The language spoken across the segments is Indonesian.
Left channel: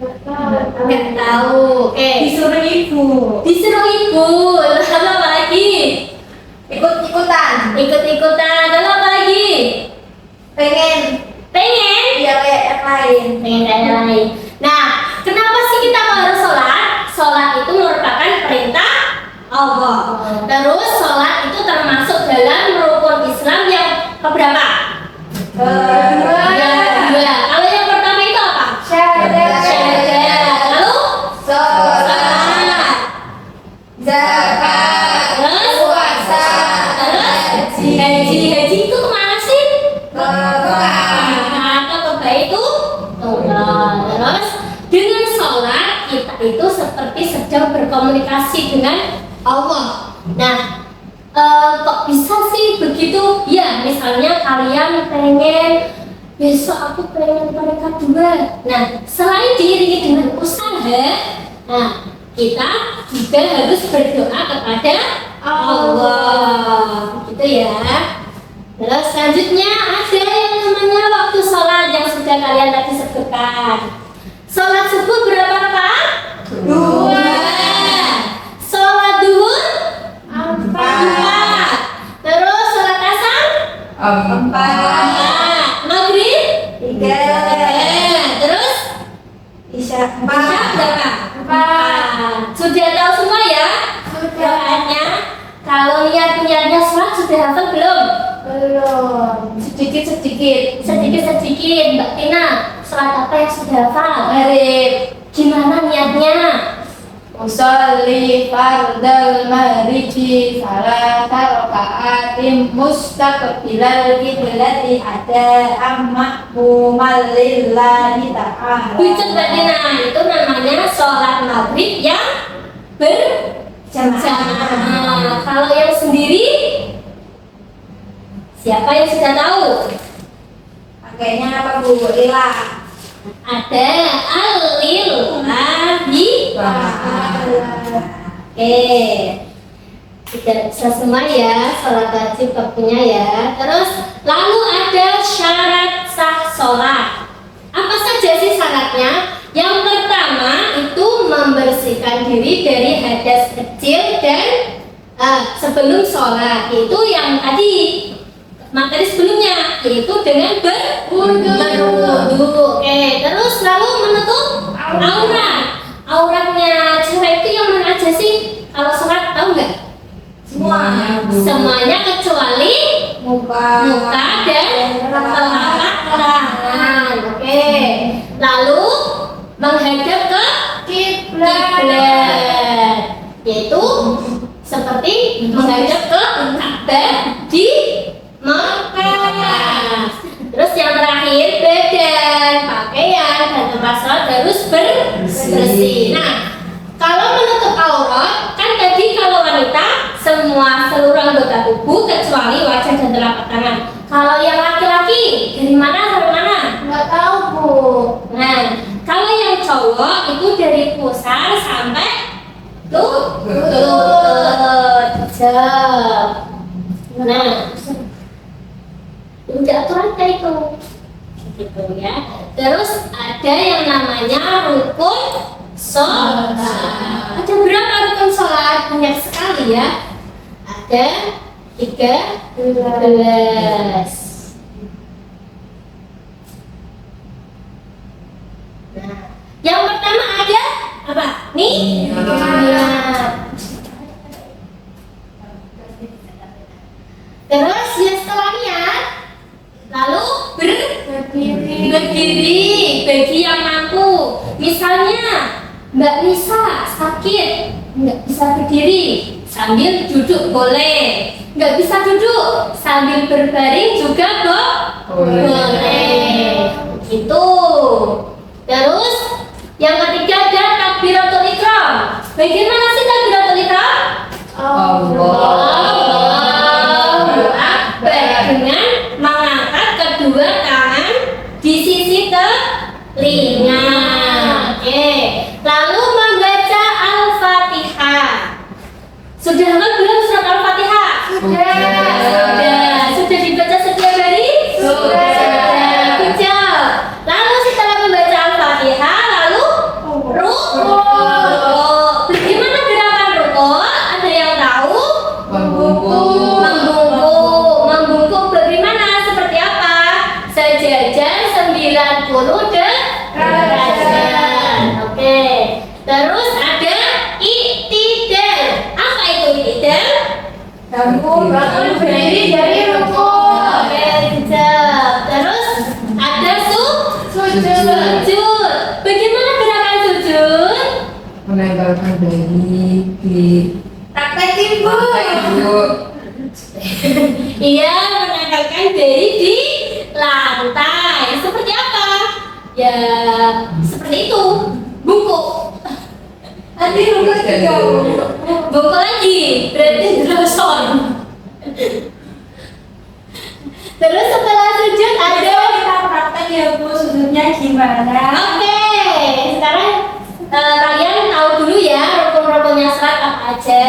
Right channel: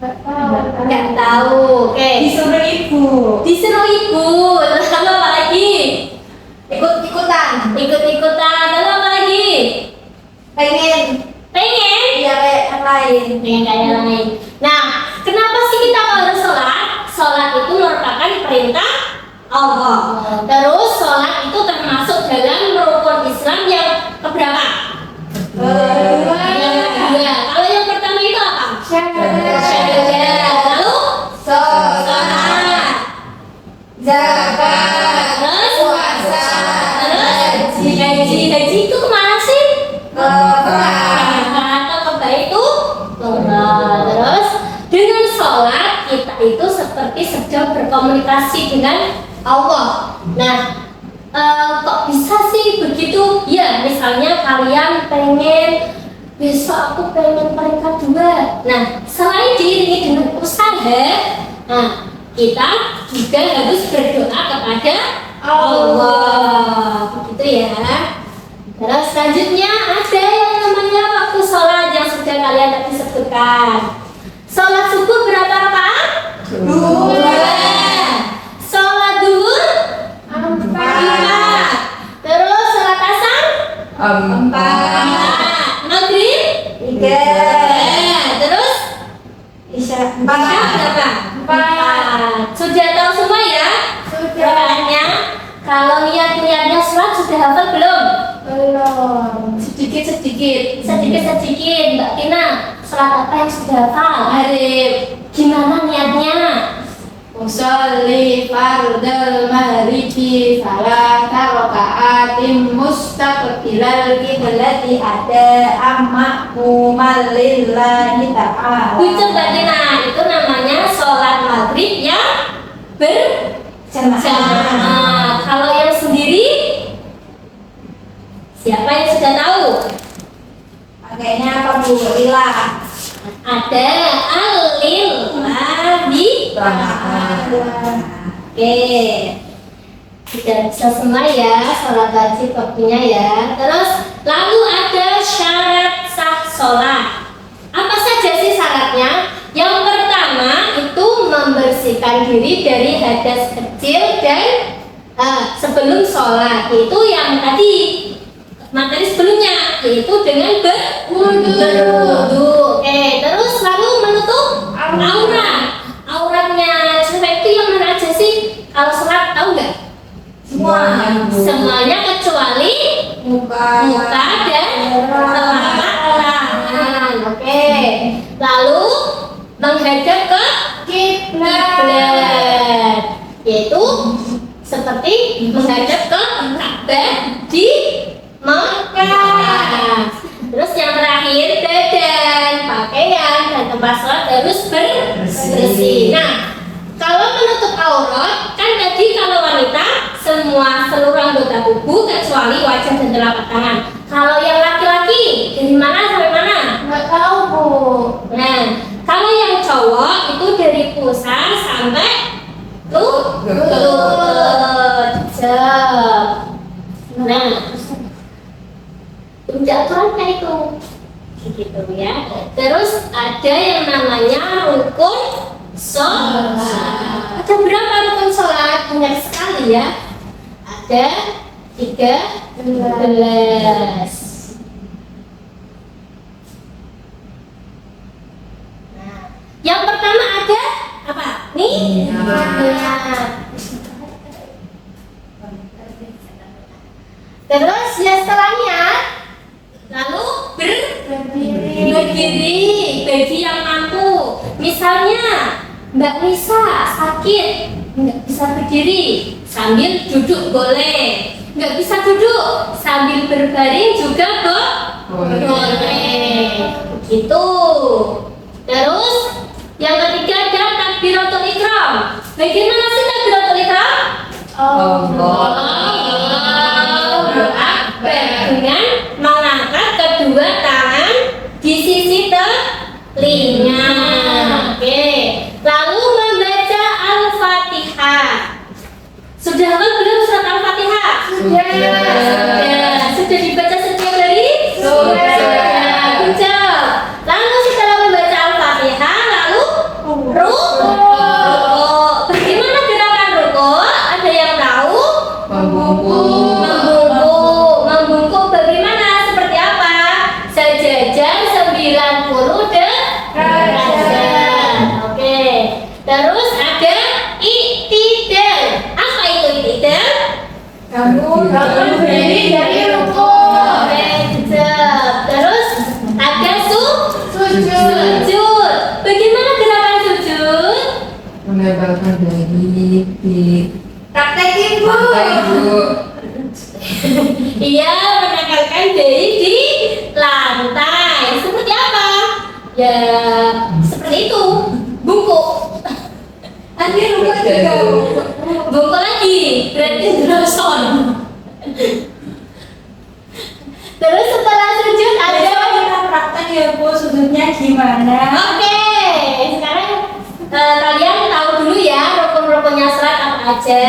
Nggak tahu. Oke. Disuruh ibu. Disuruh ibu. Lalu apa lagi? Ikut-ikutan. Ikut-ikutan. Lalu apa lagi? Pengen. Pengen? Iya kayak yang lain. Pengen kayak yang lain. Nah, kenapa sih kita kalau harus sholat? Sholat itu merupakan perintah Allah. Terus sholat itu termasuk dalam rukun Islam yang keberapa? Yang kedua. Kalau yang pertama itu apa? Syahadat. Lalu? Sholat. Zakat. Terus? Puasa. Terus? Haji. Haji itu kemana sih? Mekah. Kebah itu tunggal. Terus dengan sholat kita itu seperti sedang berkomunikasi dengan Allah. Nah, kok bisa sih begitu? Ya, misalnya kalian pengen besok aku pengen peringkat 2. Nah, selain diiringi dengan usaha, nah kita juga harus berdoa kepada Allah. Begitu ya. Terus selanjutnya ada yang namanya waktu sholat yang sudah kalian tadi sebutkan. Sholat subuh berapa Pak? 2. Sholat duhur? 4. Terus sholat asar? 4. Maghrib? 3. Terus? Isya. Isya berapa? 4. Sudah tahu semua ya? Doanya? Kalau niat-niatnya sholat sudah hafal belum? Belum. Sedikit Mbak Tina. Sholat apa yang sudah hafal? Arif. Gimana niatnya? Usolli fardal maghribi salata raka'atin mustaqbilal qiblati ada ammakumal lillahi ta'ala. Itu Mbak Tina, itu namanya sholat maghrib yang berjamaah. Kalau yang sendiri, siapa yang sudah tahu? Pakainya apa Bu? Lila. Ada al-lillahi ta'ala. Oke, tidak bisa semua ya sholat wajib waktunya ya. Terus lalu ada syarat sah sholat. Apa saja sih syaratnya? Yang pertama itu membersihkan diri dari hadas kecil dan sebelum sholat, itu yang tadi materi sebelumnya, yaitu dengan berwudu. Oke, terus lalu menutup aurat. Auratnya cewek itu yang mana aja sih? Kalau sholat tahu nggak? Semuanya kecuali muka dan telapak tangan. Oke. Lalu menghadap ke kiblat, yaitu seperti menghadap ke Ka'bah di Mekah. Terus yang terakhir badan, pakaian dan tempat sholat harus bersih. Nah, kalau menutup aurat kan tadi kalau wanita seluruh anggota tubuh kecuali wajah dan telapak tangan. Kalau yang laki-laki dari mana sampai mana? Nggak tahu Bu. Nah, kalau yang cowok itu dari pusar sampai lutut. Nah, puncak aturan kayak itu, gitu ya. Terus ada yang namanya rukun sholat. Ada berapa rukun sholat? Banyak sekali ya. Ada 13. Nah, yang pertama ada apa? Niat. Terus ya setelahnya lalu berdiri bagi yang mampu. Misalnya Mbak Nisa sakit nggak bisa berdiri, sambil duduk boleh. Nggak bisa duduk sambil berbaring juga boleh. Begitu. Terus yang ketiga ada takbiratul ihram. Bagaimana sih takbiratul ihram? Allahu Akbar, dengan mengangkat kedua tangan di sisi telinga. Oke. Lalu membaca Al-Fatihah. Sudah hafal belum surat Al-Fatihah? Sudah dibaca setiap hari? Sudah. Lalu setelah membaca Al-Fatihah, lalu di Praktekin Bu. lantai Bu. Iya, menempelkan bayi di lantai. Seperti apa? Ya, seperti itu. Bungkuk. Nanti lu juga Bu. Bungkuk lagi. Berarti droson. Terus setelah sujud ada. Kita praktek ya Bu, sudutnya gimana? Oke, sekarang kalian tahu dulu ya rukun-rukunnya salat apa aja.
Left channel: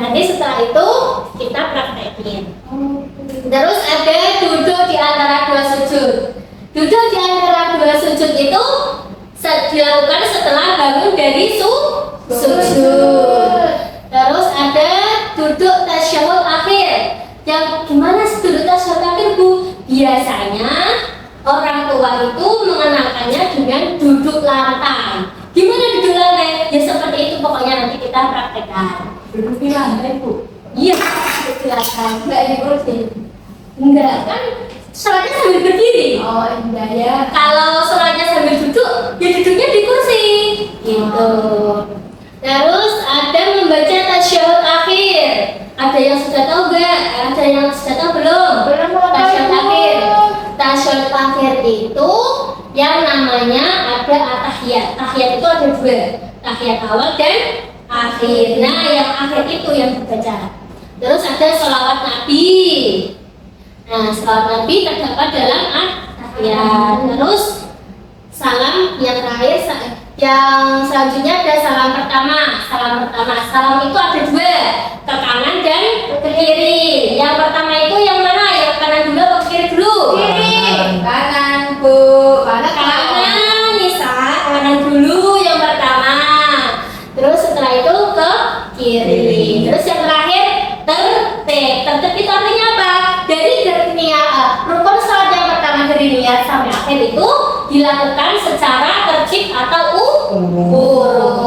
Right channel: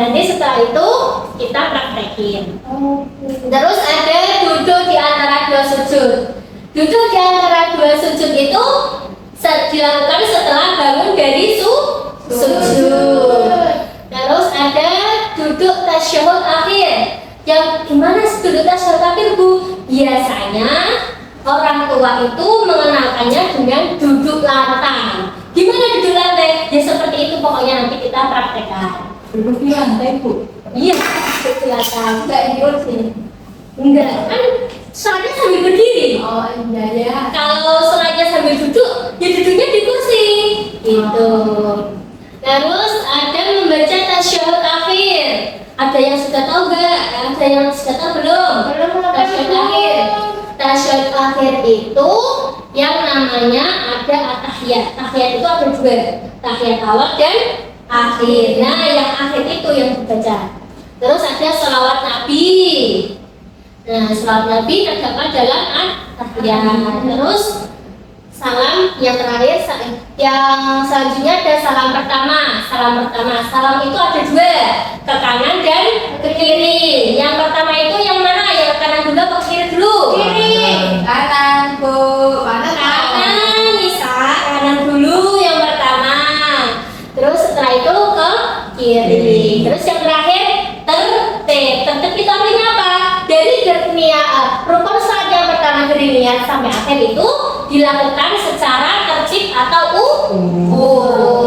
Nanti setelah itu kita praktekin. Terus ada duduk di antara dua sujud. Duduk di antara dua sujud itu dilakukan setelah bangun dari sujud. Terus ada duduk tasyahud akhir. Yang gimana sih duduk tasyahud akhir Bu? Biasanya orang tua itu mengenalkannya dengan duduk lantai. Gimana duduk lantai? Ya seperti itu pokoknya nanti kita praktekkan. Duduk di lantai Bu. Iya, duduk di lantai. Enggak di kursi. Enggak, kan sholatnya sambil berdiri. Oh iya ya. Kalau sholatnya sambil duduk, ya duduknya di kursi. Gitu. Terus ada membaca tasyahud akhir. Ada yang sudah tahu nggak? Ada yang sudah tahu belum? Belum Tasyahud akhir. Tasyahud akhir itu yang namanya ada at-tahiyat. Tahiyat itu ada dua, tahiyat awal dan akhir. Nah, yang akhir itu yang dibaca. Terus ada sholawat Nabi. Nah, sholawat Nabi terdapat dalam at-tahiyat. Terus salam yang terakhir, yang selanjutnya ada salam pertama. Salam itu ada dua, ke kanan dan ke kiri. Yang pertama itu yang mana? Yang kanan dulu atau ke kiri dulu? Kiri. Kanan Bu. Kanan, Nisa. Kanan dulu yang pertama. Terus setelah itu ke kiri. Terus yang terakhir tertib. Tertib itu artinya apa? Dari rukun salat yang pertama dari niat sampai akhir itu dilakukan secara tertib atau urut.